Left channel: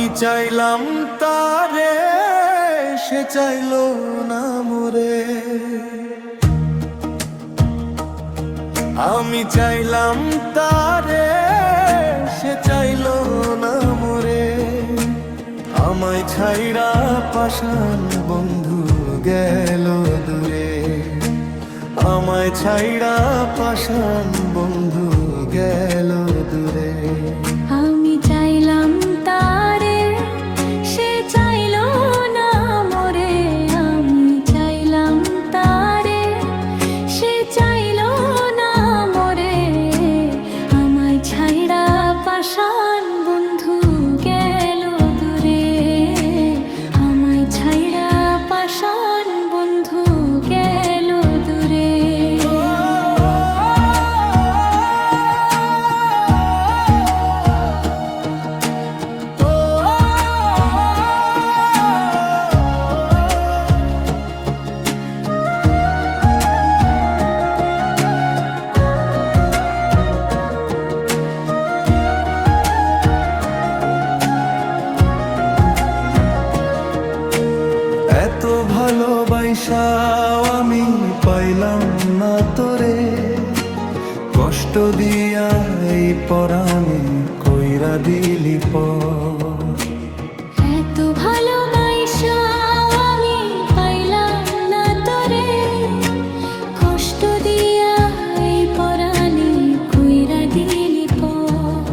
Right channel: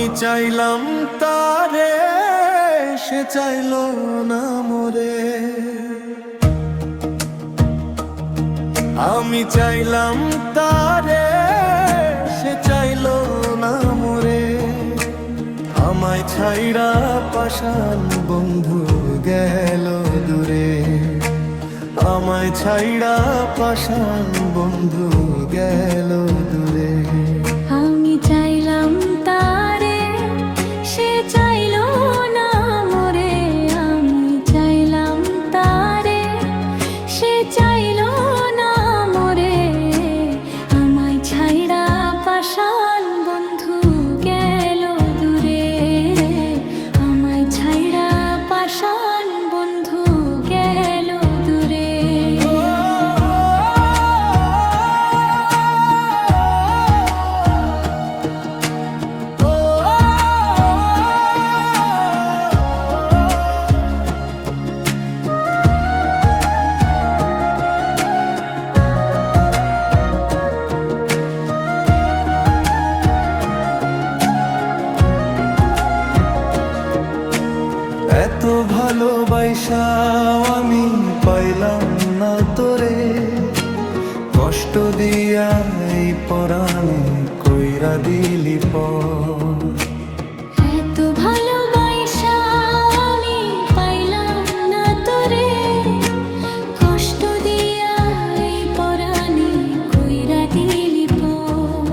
আমি চাইলাম তারে, সে চাইলো না মোরে। আমি চাইলাম তারে, সে চাইলো না মোরে। আমায় ছাইড়া পাষাণ বন্ধু গেল দূরে। আমায় ছাইড়া পাষাণ বন্ধু গেল দূরে। আমি চাইলাম তারে, সে চাইলো না মোরে। আমি চাইলাম তারে, সে চাইলো না মোরে। আমায় ছাইড়া পাষাণ বন্ধু গেল দূরে। আমায় ছাইড়া পাষাণ বন্ধু গেল দূরে। এত ভালোবাসাও আমি পাইলাম না তোরে। কষ্ট দিয়া এই পরাণে কইরা দিলি পর। এত ভালোবাসা আমি পাইলাম না তোরে। কষ্ট দিয়া এই পরাণে কইরা দিলি পর।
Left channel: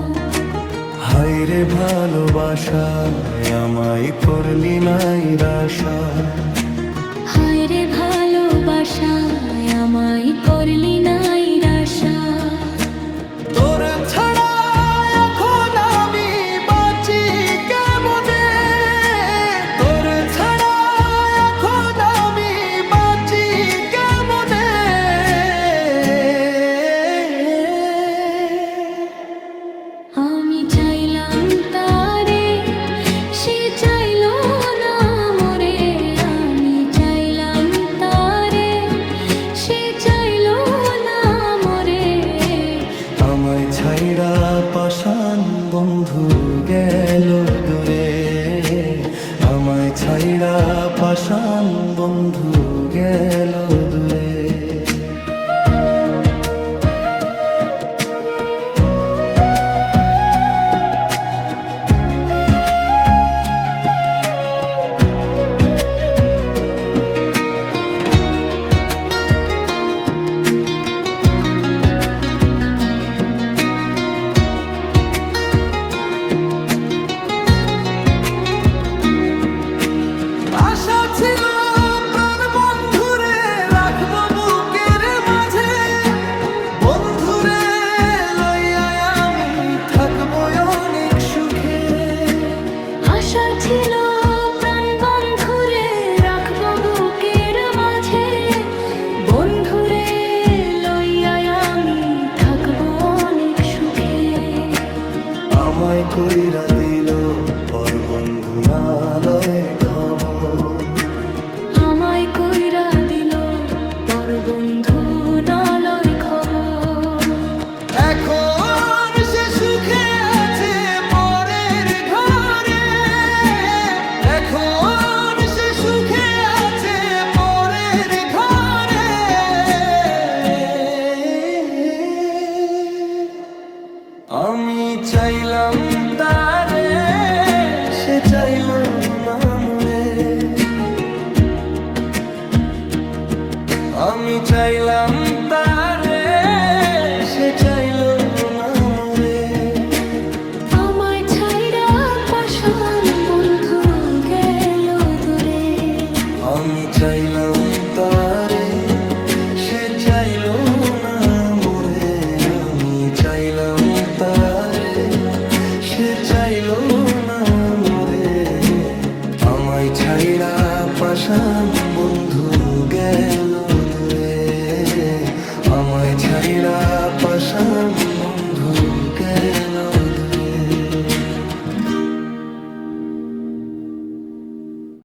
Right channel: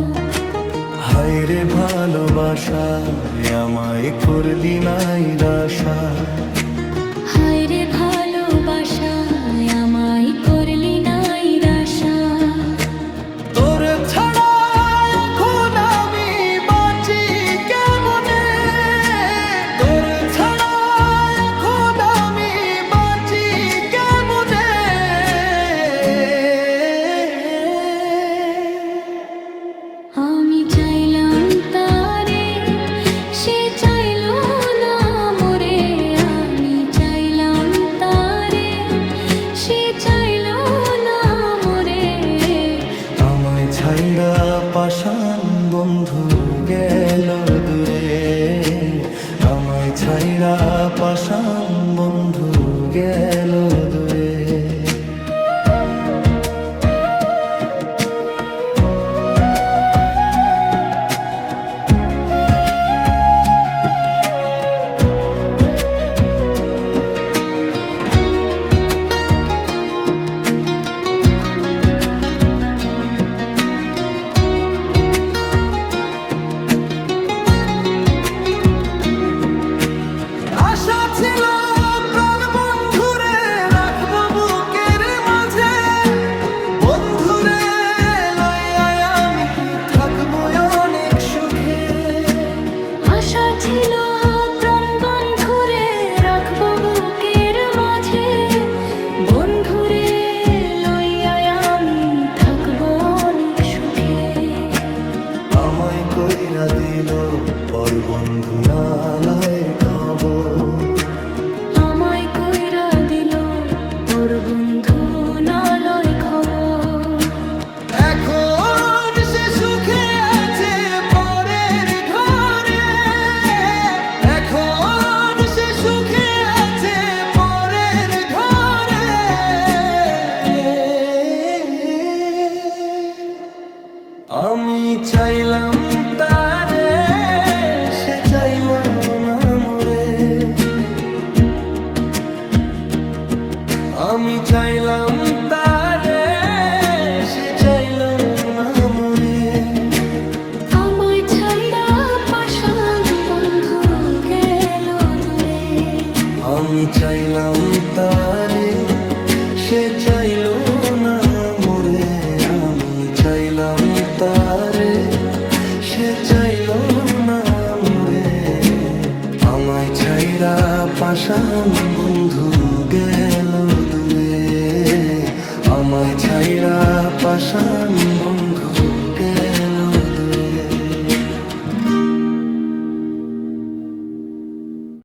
হায়রে ভালোবাসায় আমায় করলি নাই রাশা। হায়রে ভালোবাসায় আমায় করলি নাই রাশা। তোর ছাড়া এখন আমি বাঁচি কেমনে। তোর ছাড়া এখন আমি বাঁচি কেমনে। আমি চাইলাম তারে, সে চাইলো না মোরে। আমি চাইলাম তারে, সে চাইলো না মোরে। আমায় ছাইড়া পাষাণ বন্ধু গেল দূরে। আমায় ছাইড়া পাষাণ বন্ধু গেল দূরে। আশা ছিল প্রাণ বন্ধুরে রাখবো বুকের মাঝে। বন্ধুরে লইয়া আমি থাকবো অনেক সুখে। আশা ছিল প্রাণ বন্ধুরে রাখবো বুকের মাঝে। বন্ধুরে লইয়া আমি থাকবো অনেক সুখে। আমায় কইরা দিল পর বন্ধু না লয় খবর। আমায় কইরা দিল পর বন্ধু না লয় খবর। এখন সে সুখে আছে পরের ঘরে। এখন সে সুখে আছে পরের ঘরে। আমি চাইলাম তারে, সে চাইলো না মোরে। আমি চাইলাম তারে, সে চাইলো না মোরে। আমায় ছাইড়া পাষাণ বন্ধু গেল দূরে। আমি চাইলাম তারে, সে চাইলো না মোরে। আমি চাইলাম তারে, সে চাইলো না মোরে। আমায় ছাইড়া পাষাণ বন্ধু গেল দূরে। আমায় ছাইড়া পাষাণ বন্ধু গেল দূরে।